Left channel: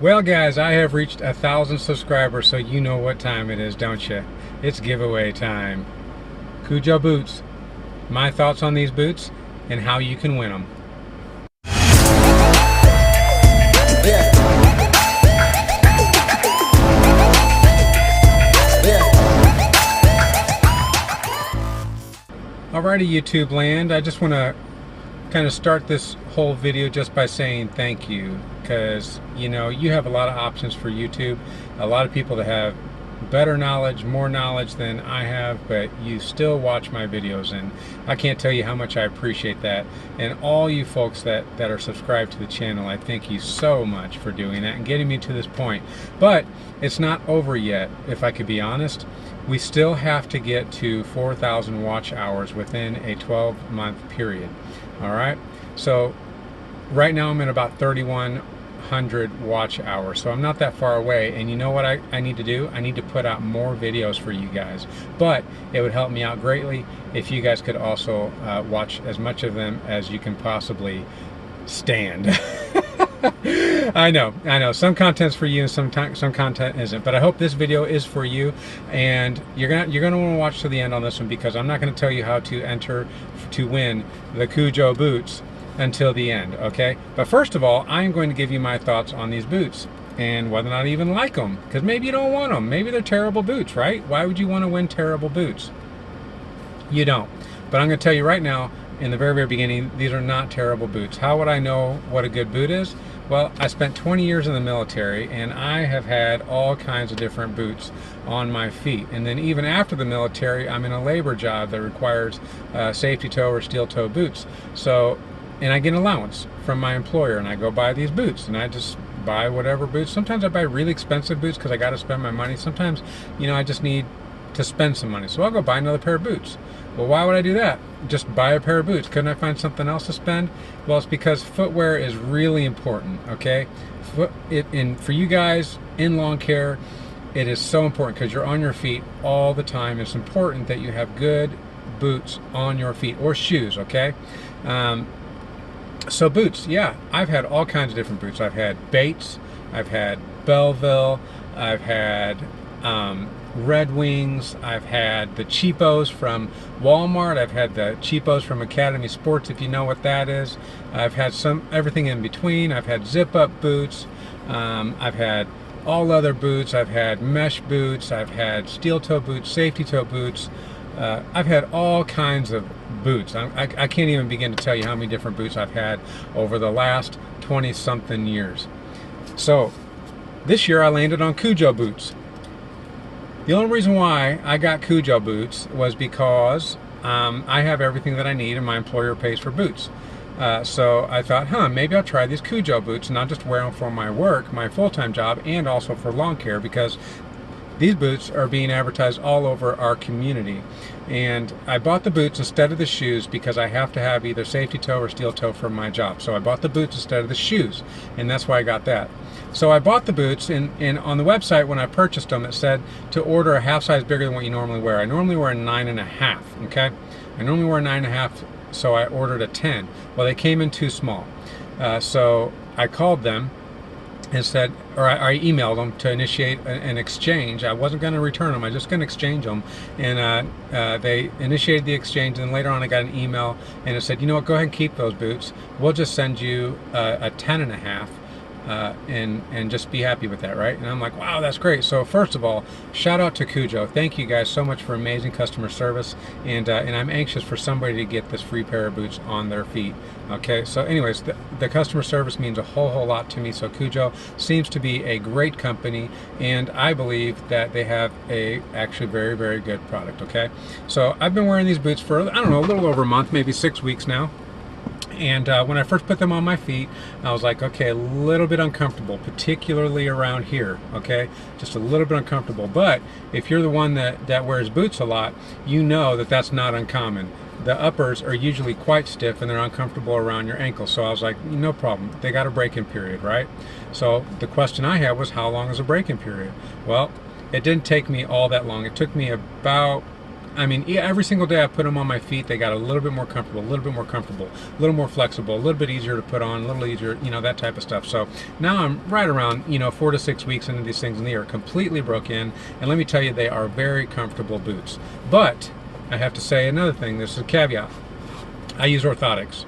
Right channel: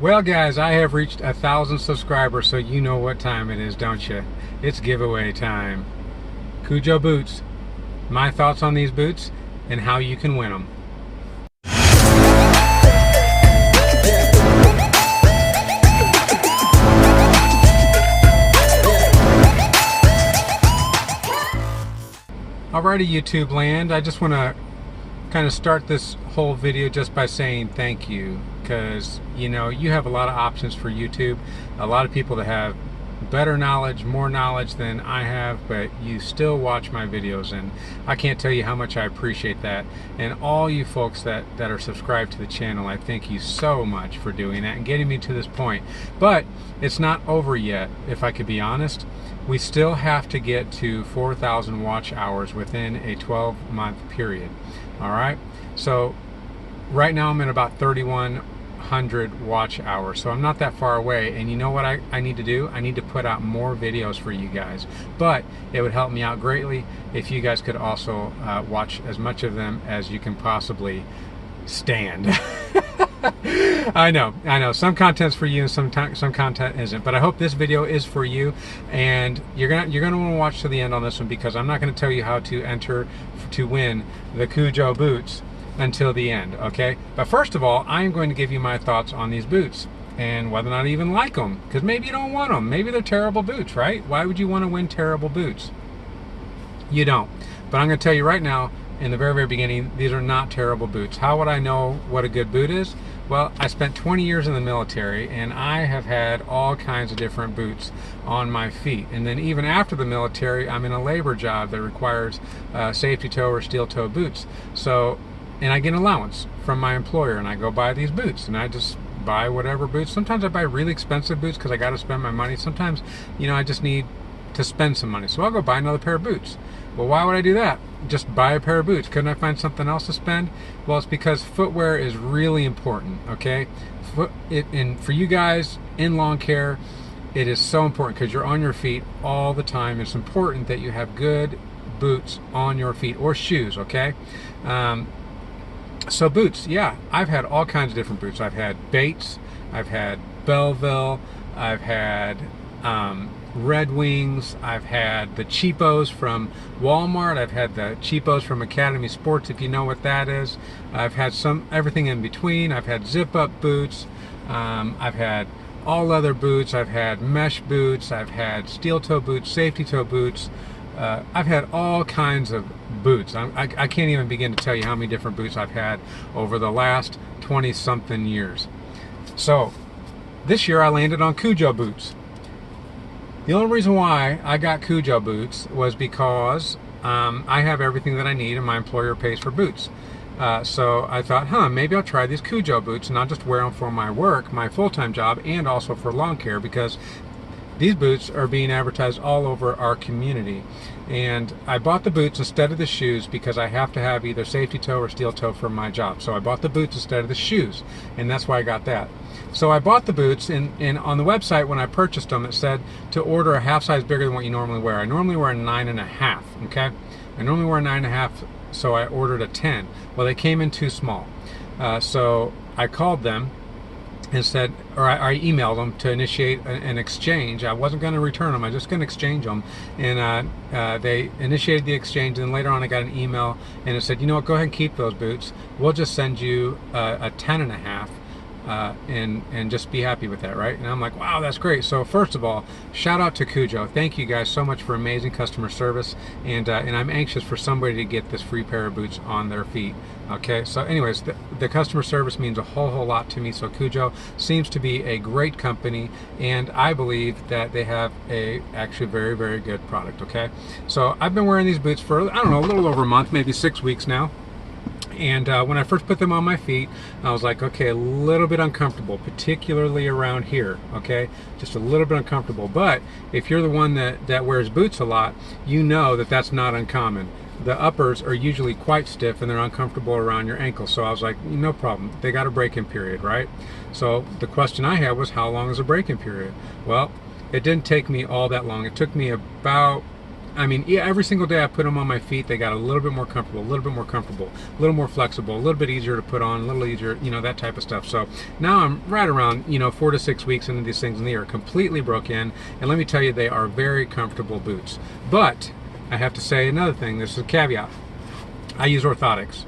Well, guys, I have reached 1,000 subscribers, so you know what time it is, don't you? It's giveaway time. Kujo Boots. My thoughts on these boots and how you can win them. Alrighty, YouTube land, I just want to kind of start this whole video just by saying thank you, because you have a lot of options for YouTube, a lot of people that have better knowledge, more knowledge than I have, but you still watch my videos, and I can't tell you how much I appreciate that. And all you folks that are subscribed to the channel, I thank you so much for doing that and getting me to this point. But it's not over yet, if I could be honest. We still have to get to 4,000 watch hours within a 12-month period. All right, so right now I'm at about 3,100 watch hours, so I'm not that far away. And you know what I need to do? I need to put out more videos for you guys, but it would help me out greatly if you guys could also watch as much of them as you can possibly stand. I know some content's for you and some content isn't, but I hope this video is for you, and you're gonna want to watch to the end on this one, because I'm not going to tell you how to enter to win the Kujo Boots until the end, okay? But first of all, I'm going to give you my thoughts on these boots and whether or not I even like them, because maybe you don't want them. Maybe they're terrible boots, right? Why would you want to win terrible boots? You don't. But I'm going to tell you right now, in the very beginning, these are not terrible boots. How would I know what a good boot is? Well, I spent 20 years in the military, and I have had all kinds of different boots on my feet. And then even after the military, I'm in a labor job that requires safety toe or steel toe boots. So, and I get an allowance from my employer, and I go buy these boots, and I just buy whatever boots. Sometimes I buy really expensive boots because I got to spend my money. Sometimes, I just need to spend some money, so I'll go buy another pair of boots. Well, why would I do that? Just buy a pair of boots. Couldn't I find something else to spend? Well, it's because footwear is really important, okay? For you guys in lawn care, it is so important because you're on your feet all the time. It's important that you have good boots on your feet, or shoes, okay? So boots, yeah, I've had all kinds of different boots. I've had Bates, I've had Belleville, I've had Red Wings, I've had the cheapos from Walmart, I've had the cheapos from Academy Sports, if you know what that is. I've had everything in between. I've had zip-up boots, I've had all leather boots, I've had mesh boots, I've had steel toe boots, safety toe boots. I've had all kinds of boots. I can't even begin to tell you how many different boots I've had over the last 20-something years. So this year I landed on Kujo Boots. The only reason why I got Kujo Boots was because I have everything that I need, and my employer pays for boots. So I thought, maybe I'll try these Kujo Boots and I'll just wear them for my work, my full-time job, and also for lawn care, because these boots are being advertised all over our community. And I bought the boots instead of the shoes because I have to have either safety toe or steel toe for my job. So I bought the boots instead of the shoes, and that's why I got that. So I bought the boots, and on the website when I purchased them, it said to order a half size bigger than what you normally wear. I normally wear a 9.5, okay? I normally wear a 9.5, so I ordered a 10. Well, they came in too small. So I called them and said, or I emailed them to initiate an exchange. I wasn't going to return them, I was just going to exchange them. And they initiated the exchange, and later on I got an email, and it said, you know what, go ahead and keep those boots. We'll just send you a 10.5. And just be happy with that, right? And I'm like, wow, that's great. So first of all, shout out to Kujo. Thank you guys so much for amazing customer service, and I'm anxious for somebody to get this free pair of boots on their feet. Okay, so anyways, the customer service means a whole lot to me. So Kujo seems to be a great company, and I believe that they have a actually very good product. Okay, so I've been wearing these boots for, I don't know, a little over a month, maybe 6 weeks now. And when I first put them on my feet, I was like, okay, a little bit uncomfortable, particularly around here, okay? Just a little bit uncomfortable. But if you're the one that wears boots a lot, you know that that's not uncommon. The uppers are usually quite stiff, and they're uncomfortable around your ankles. So I was like, no problem. They got a break-in period, right? So the question I had was, how long is a break-in period? Well, it didn't take me all that long. It took me about I mean, yeah, every single day I put them on my feet, they got a little bit more comfortable, a little bit more comfortable, a little more flexible, a little bit easier to put on, a little easier, you know, that type of stuff. So now I'm right around, you know, 4 to 6 weeks into these things, and they are completely broke in. And let me tell you, they are very comfortable boots. But I have to say another thing. This is a caveat. I use orthotics.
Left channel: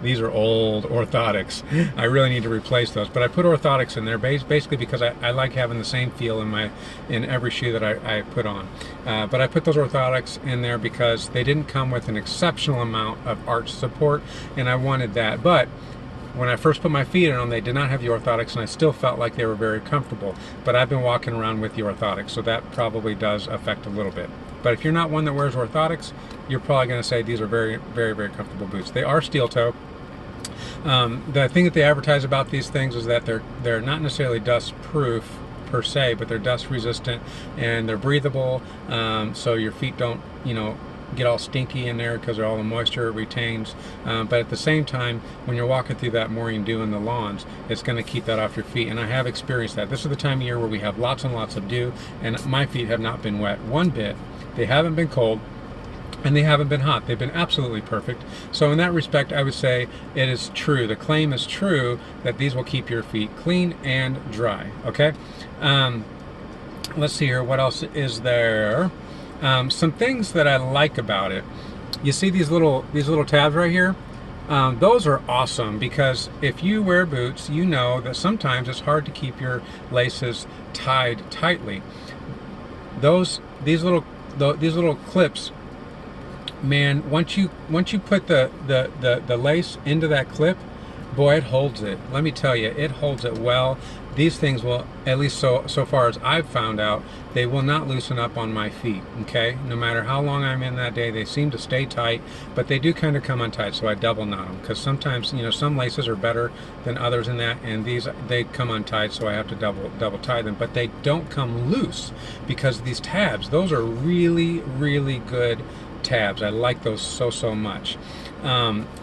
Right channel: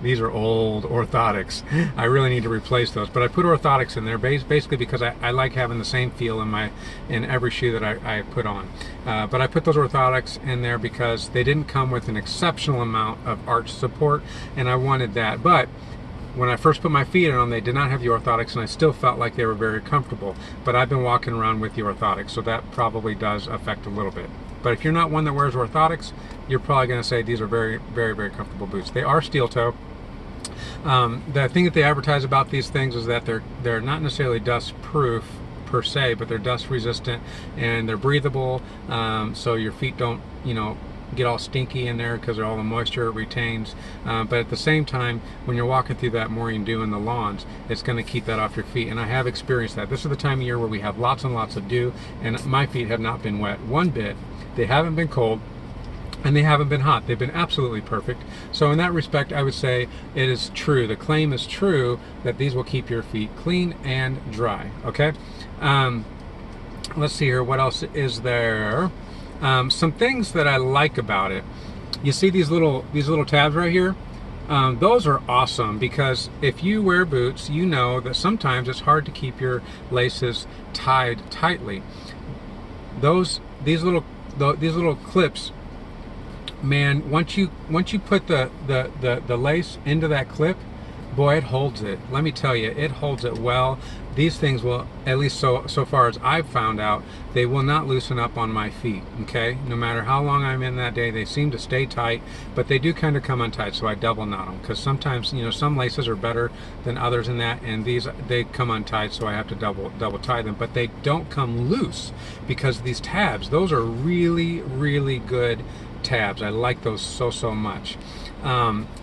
These are old orthotics. I really need to replace those, but I put orthotics in there basically because I like having the same feel in every shoe that I put on. But I put those orthotics in there because they didn't come with an exceptional amount of arch support, and I wanted that. But when I first put my feet on them, they did not have the orthotics, and I still felt like they were very comfortable. But I've been walking around with the orthotics, so that probably does affect a little bit. But if you're not one that wears orthotics, you're probably going to say these are very, very, very comfortable boots. They are steel toe. The thing that they advertise about these things is that they're not necessarily dust proof per se, but they're dust resistant and they're breathable, so your feet don't, you know, get all stinky in there because of all the moisture it retains. But at the same time, when you're walking through that morning dew in the lawns, it's going to keep that off your feet. And I have experienced that. This is the time of year where we have lots and lots of dew, and my feet have not been wet one bit. They haven't been cold, and they haven't been hot. They've been absolutely perfect. So in that respect, I would say it is true. The claim is true that these will keep your feet clean and dry. Okay. Let's see here. What else is there? Some things that I like about it. You see these little tabs right here? Those are awesome because if you wear boots, you know that sometimes it's hard to keep your laces tied tightly. These little clips, man, once you put the lace into that clip, boy, it holds it. Let me tell you, it holds it well. These things will, at least so far as I've found out, they will not loosen up on my feet, okay? No matter how long I'm in that day, they seem to stay tight, but they do kind of come untied, so I double knot them, because sometimes, you know, some laces are better than others in that, and these, they come untied, so I have to double tie them, but they don't come loose, because these tabs, those are really, really good tabs. I like those so much.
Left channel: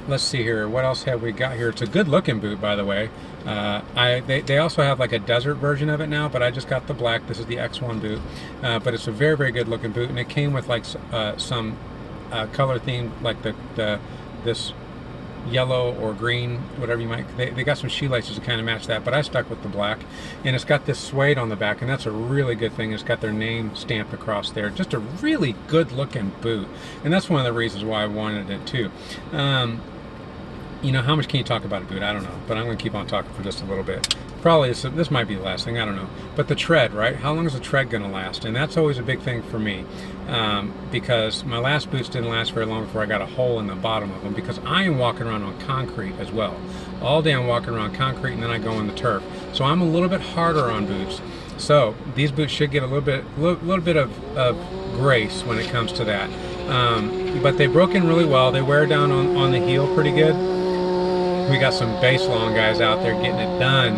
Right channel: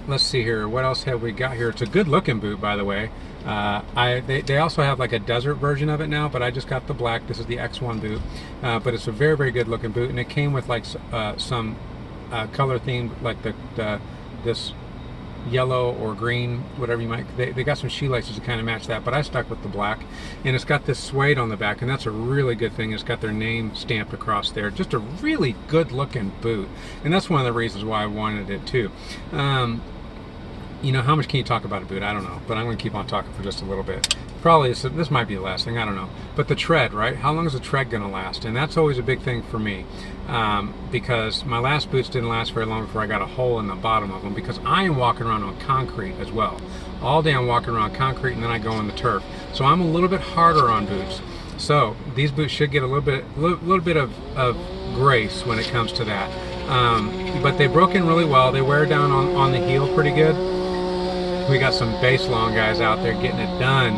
Let's see here, what else have we got here? It's a good looking boot, by the way. They also have like a desert version of it now, but I just got the black. This is the X1 boot, but it's a very, very good looking boot, and it came with like some color themed, like this yellow or green, whatever you might. They got some shoelaces to kind of match that, but I stuck with the black, and it's got this suede on the back, and that's a really good thing. It's got their name stamped across there. Just a really good looking boot, and that's one of the reasons why I wanted it too. You know, how much can you talk about a boot? I don't know, but I'm going to keep on talking for just a little bit. Probably this might be the last thing, I don't know. But the tread, right? How long is the tread going to last? And that's always a big thing for me, because my last boots didn't last very long before I got a hole in the bottom of them, because I am walking around on concrete as well. All day I'm walking around concrete, and then I go on the turf. So I'm a little bit harder on boots. So these boots should get a little bit of grace when it comes to that. But they broke in really well. They wear down on the heel pretty good. We got some base long guys out there getting it done,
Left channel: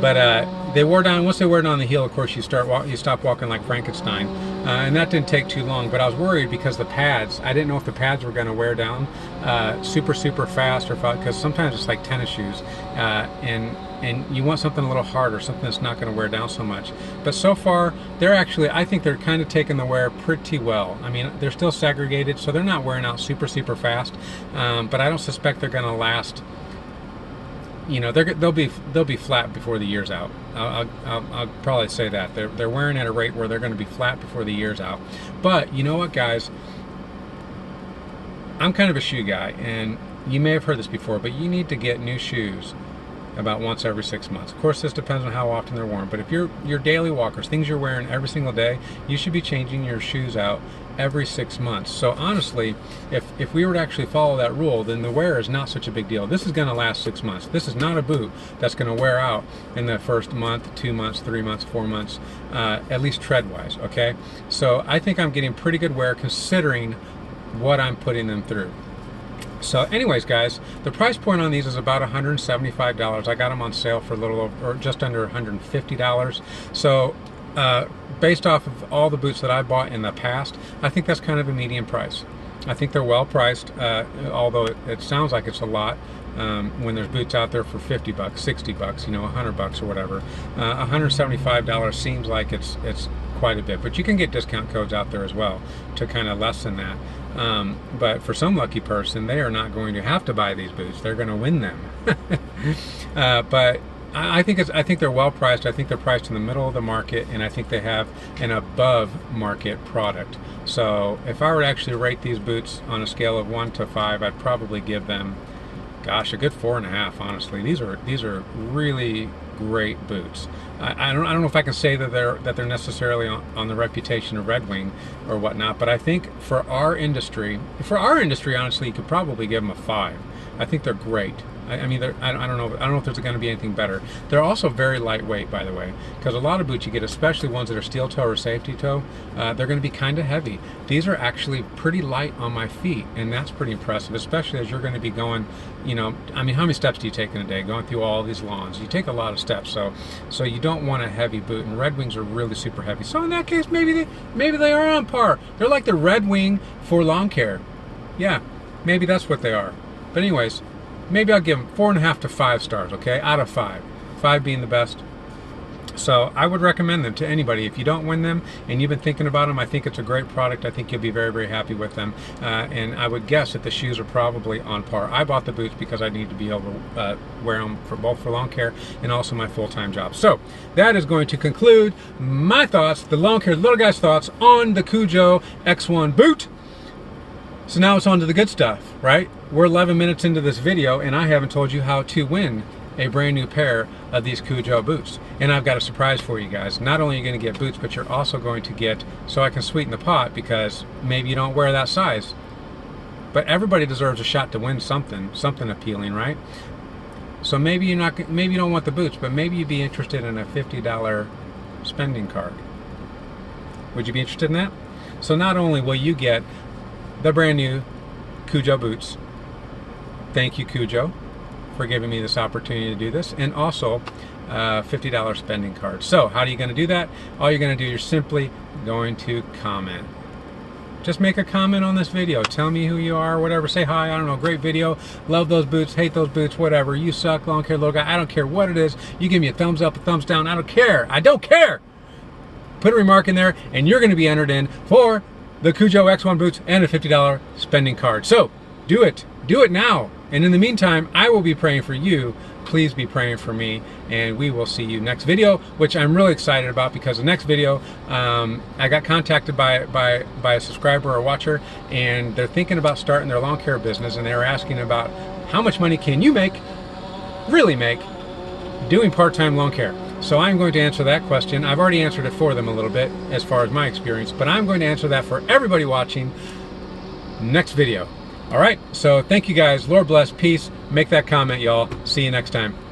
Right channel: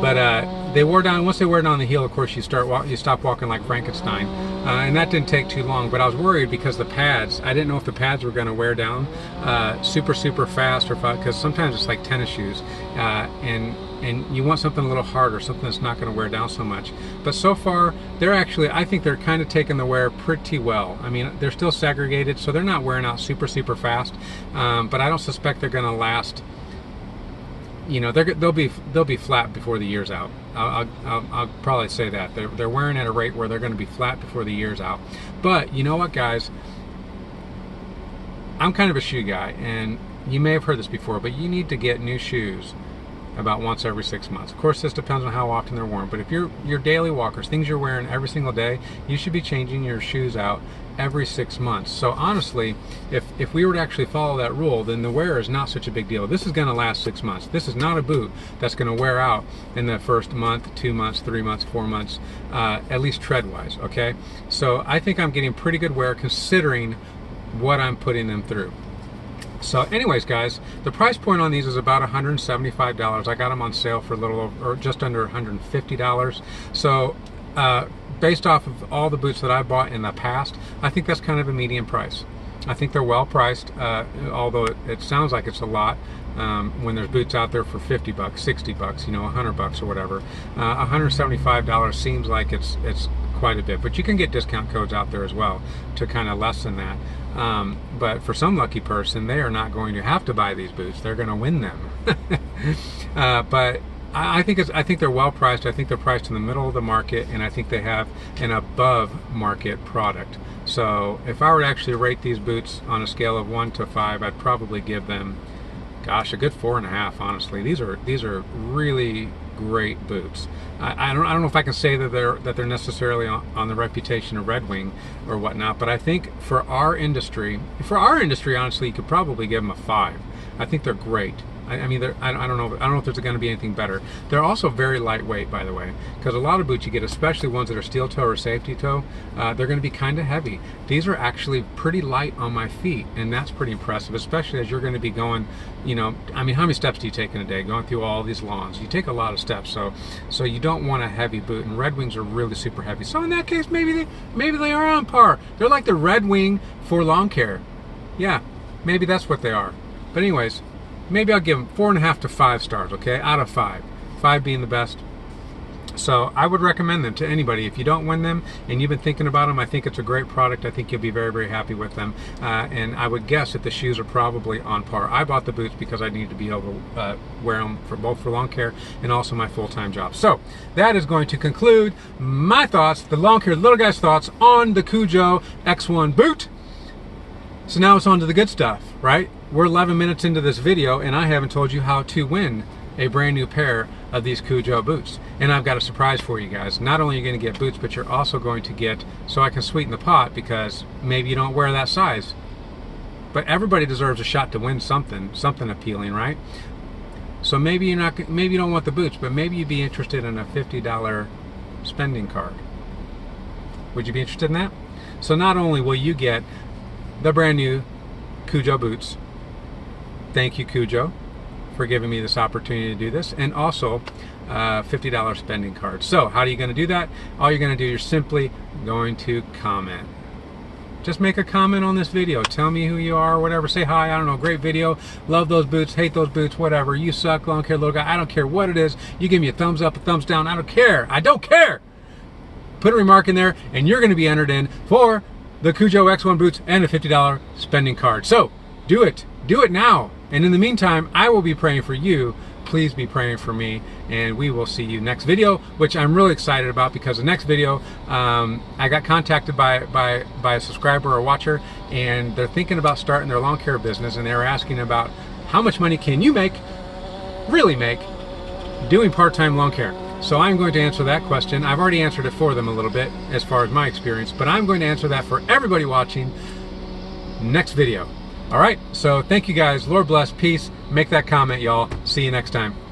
but they wore down. Once they wore down the heel, of course, you stop walking like Frankenstein, and that didn't take too long. But I was worried because the pads. I didn't know if the pads were going to wear down super fast, or because sometimes it's like tennis shoes, and you want something a little harder, something that's not going to wear down so much. But so far, I think they're kind of taking the wear pretty well. I mean, they're still segregated, so they're not wearing out super fast, but I don't suspect they're going to last. You know, they'll be flat before the year's out. I'll probably say that they're wearing at a rate where they're going to be flat before the year's out. But you know what, guys? I'm kind of a shoe guy, and you may have heard this before, but you need to get new shoes about once every 6 months. Of course, this depends on how often they're worn, but if you're daily walkers, things you're wearing every single day, you should be changing your shoes out every 6 months. So honestly, if we were to actually follow that rule, then the wear is not such a big deal. This is going to last 6 months. This is not a boot that's going to wear out in the first month, 2 months, 3 months, 4 months, at least tread-wise, okay? So I think I'm getting pretty good wear considering what I'm putting them through. So anyways, guys, the price point on these is about $175. I got them on sale for a little over, or just under $150. So based off of all the boots that I bought in the past, I think that's kind of a medium price. I think they're well priced, although it sounds like it's a lot when there's boots out there for 50 bucks, 60 bucks, you know, 100 bucks or whatever. $175 seems like it's quite a bit, but you can get discount codes out there as well to kind of lessen that. But for some lucky person, they are not going to have to buy these boots. They're going to win them. But I think they're well priced. I think they're priced in the middle of the market, and I think they have an above market product. So if I were to actually rate these boots on a scale of 1 to 5, I'd probably give them, gosh, a good 4.5. Honestly, these are really great boots. I don't know if I can say that they're necessarily on the reputation of Red Wing or whatnot, but I think for our industry, honestly, you could probably give them a 5. I think they're great. I mean, I don't know if there's going to be anything better. They're also very lightweight, by the way, because a lot of boots you get, especially ones that are steel toe or safety toe, they're going to be kind of heavy. These are actually pretty light on my feet, and that's pretty impressive, especially as you're going to be going, you know, I mean, how many steps do you take in a day going through all these lawns? You take a lot of steps, so you don't want a heavy boot, and Red Wings are really super heavy. So in that case, maybe they are on par. They're like the Red Wing for lawn care. Yeah, maybe that's what they are. But anyways, maybe I'll give them 4.5 to 5 stars, okay, out of 5. 5 being the best. So I would recommend them to anybody. If you don't win them and you've been thinking about them, I think it's a great product. I think you'll be very, very happy with them. And I would guess that the shoes are probably on par. I bought the boots because I need to be able to wear them for lawn care and also my full-time job. So that is going to conclude my thoughts, the lawn care little guy's thoughts on the Kujo X1 boot. So now it's on to the good stuff, right? We're 11 minutes into this video and I haven't told you how to win a brand new pair of these Kujo boots. And I've got a surprise for you guys. Not only are you going to get boots, but you're also going to get, so I can sweeten the pot, because maybe you don't wear that size. But everybody deserves a shot to win something appealing, right? So maybe you don't want the boots, but maybe you'd be interested in a $50 spending card. Would you be interested in that? So not only will you get the brand new Kujo boots, thank you Kujo for giving me this opportunity to do this, and also $50 spending card. So how are you going to do that? All you're going to do, you're simply going to comment. Just make a comment on this video. Tell me who you are, whatever. Say hi, I don't know, great video, love those boots, hate those boots, whatever. You suck, lawn care little guy, I don't care what it is. You give me a thumbs up, a thumbs down, I don't care. I don't care. Put a remark in there and you're going to be entered in for the Kujo X1 boots and a $50 spending card. So do it now. And in the meantime, I will be praying for you. Please be praying for me, and we will see you next video, which I'm really excited about, because the next video, I got contacted by a subscriber or watcher, and they're thinking about starting their lawn care business, and they were asking about how much money can you really make, doing part-time lawn care. So I'm going to answer that question. I've already answered it for them a little bit as far as my experience, but I'm going to answer that for everybody watching next video. All right, so thank you guys. Lord bless, peace. Make that comment, y'all. See you next time.